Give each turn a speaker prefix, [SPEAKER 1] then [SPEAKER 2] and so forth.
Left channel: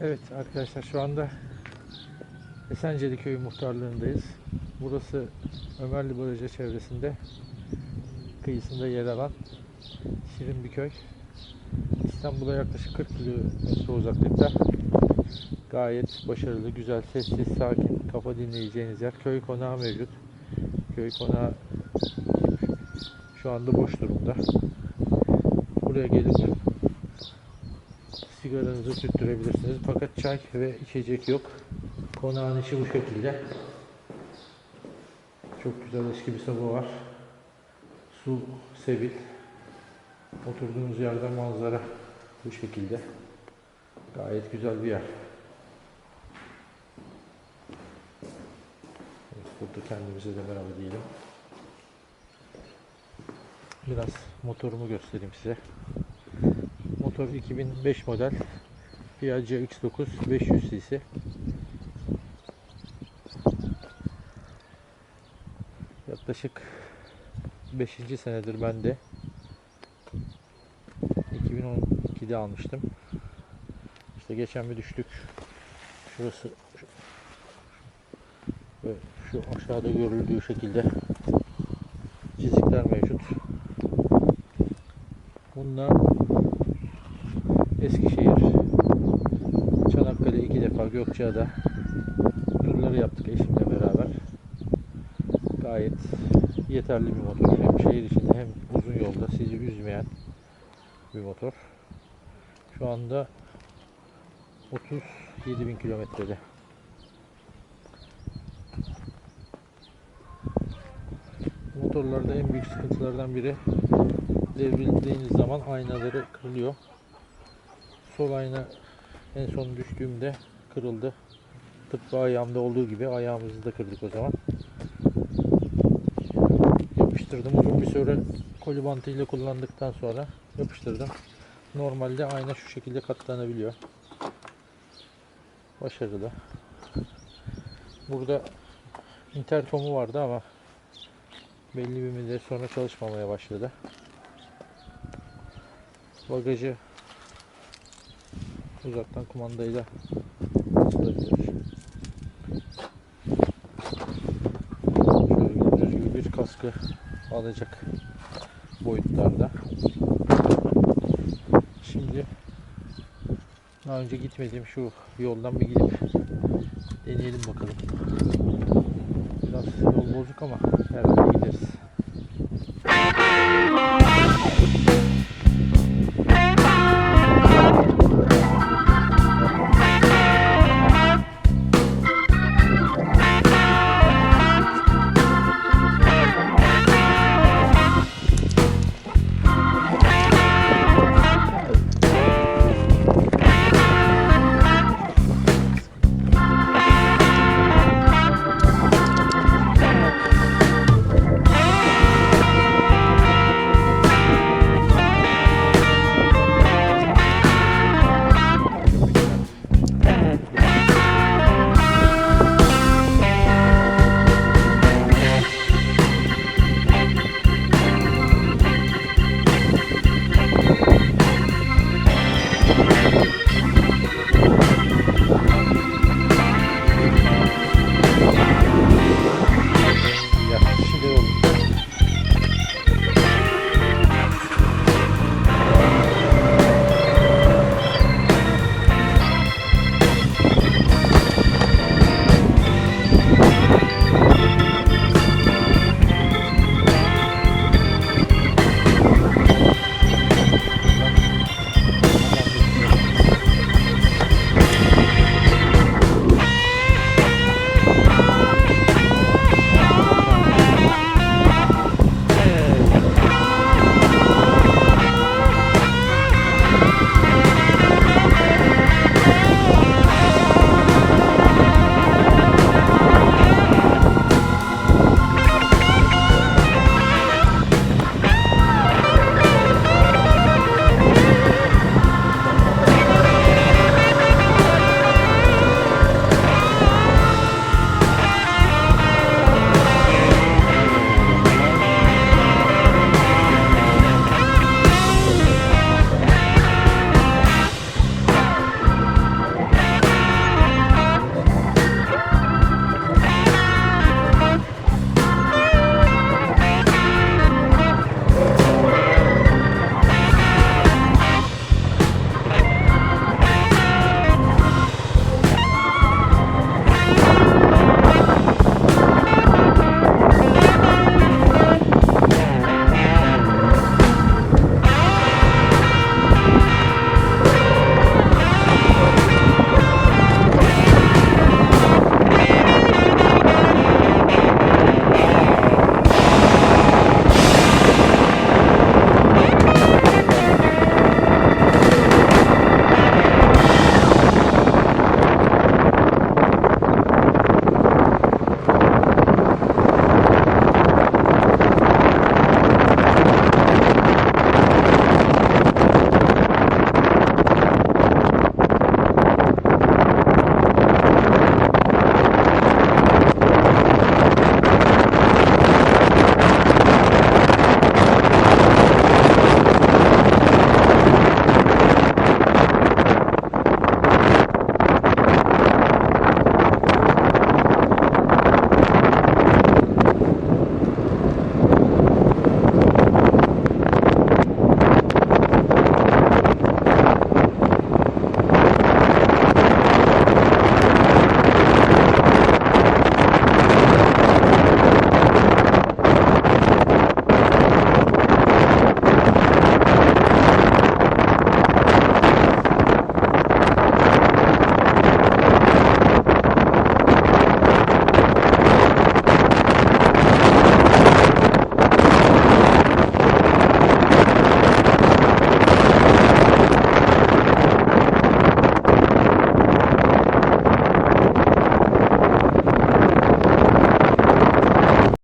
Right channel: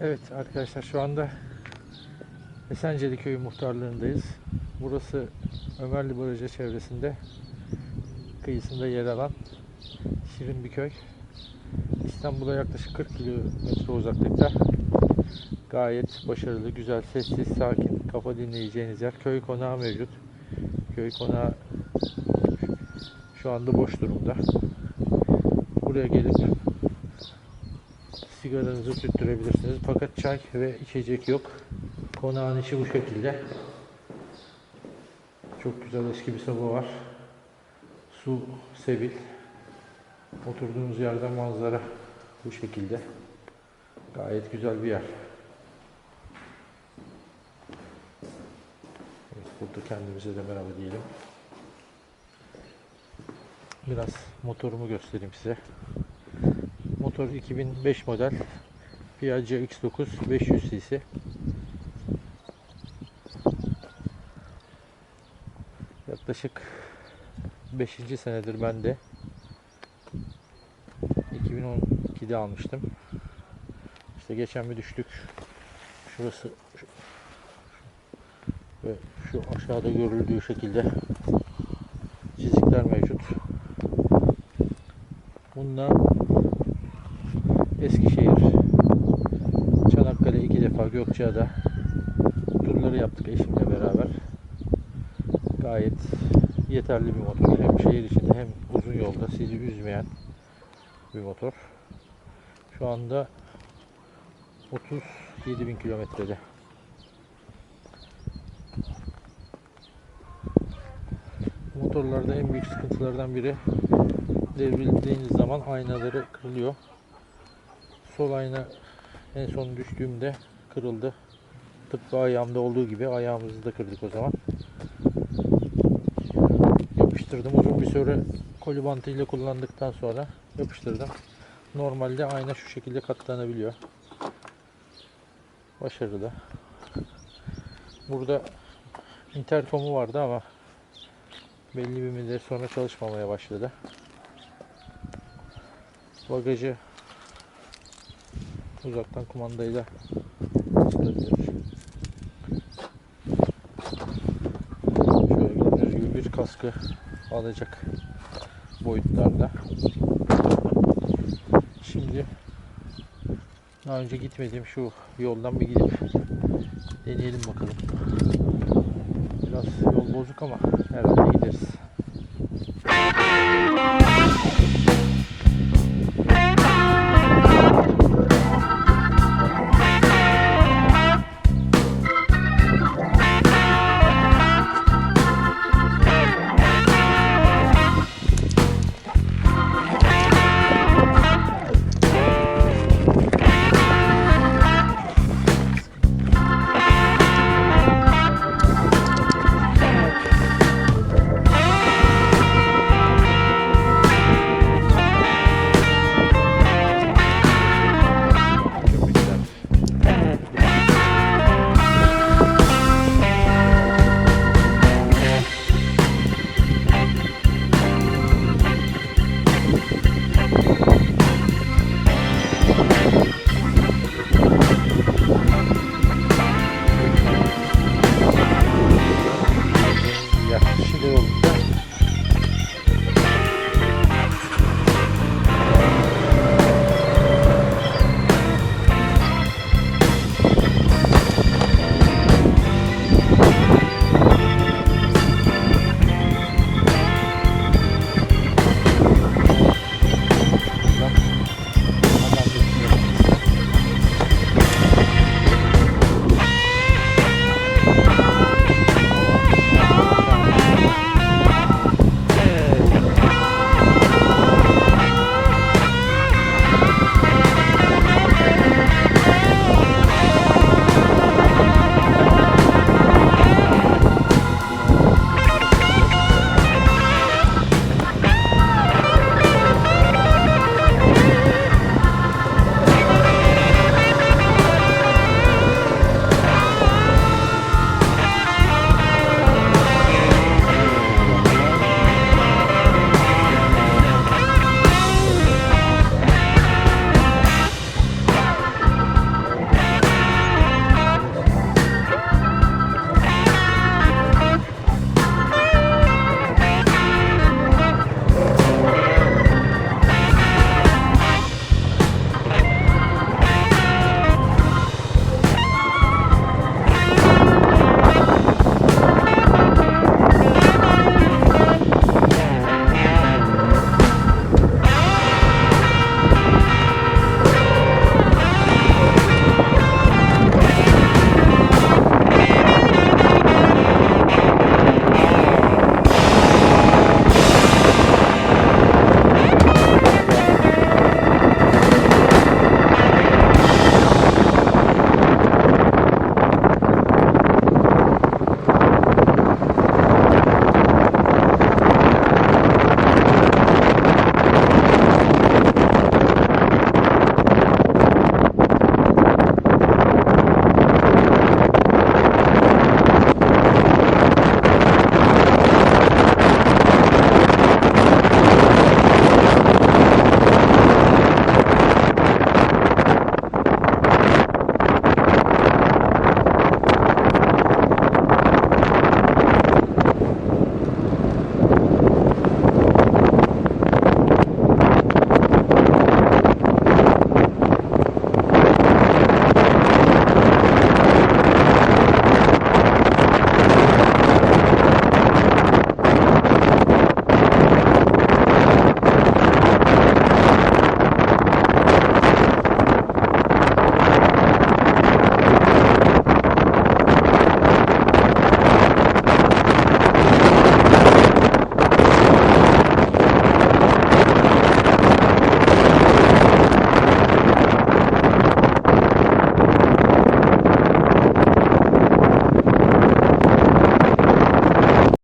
[SPEAKER 1] Evet arkadaşlar şu anda Esenceli Köyü muhtarlığındayız. Burası Ömerli Barajı çevresinde kıyısında yer alan şirin bir köy. İstanbul'a yaklaşık 40 kilometre uzaklıkta. Gayet başarılı, güzel, sessiz, sakin, kafa dinleyeceğiniz yer. Köy konağı mevcut. Köy konağı şu anda boş durumda. Buraya gelip sigaranızı tüttürebilirsiniz. Fakat çay ve içecek yok. Konağın içi bu şekilde. Çok güzel eski bir soba var. Su sebil. Oturduğunuz yerden manzara bu şekilde. Gayet güzel bir yer. Burada kendimize de merhaba diyelim. Biraz motorumu göstereyim size. Motor 2005 model Piaggio X9 500 cc. Yaklaşık 5. senedir ben de 2012'de almıştım. İşte geçen bir düştük. Şurası şu- ve şu aşağıda görüldüğü şekilde çizikler mevcut. Bununla Eskişehir, Çanakkale iki defa Gökçeada turları yaptık eşimle beraber. Gayet yeterli bir motor. Hem şehir içinde hem uzun yolda sizi üzmeyen bir motor. Şu anda 37 bin kilometrede. Motorlarda en büyük sıkıntılardan biri devrildiğiniz zaman aynaları kırılıyor. Sol ayna en son düştüğümde kırıldı. Tıpkı ayağımda olduğu gibi ayağımızı da kırdık o zaman. Yapıştırdım uzun bir süre koli bantıyla kullandıktan sonra yapıştırdım. Normalde ayna şu şekilde katlanabiliyor. Başarılı. Burada interkomu vardı ama belli bir müddet sonra çalışmamaya başladı. Bagajı uzaktan kumandayla açılabilir. Şöyle gördüğünüz gibi bir kaskı alacak boyutlarda. Şimdi daha önce gitmediğim şu yoldan bir gidip deneyelim bakalım. Biraz yol bozuk ama herhalde gideriz.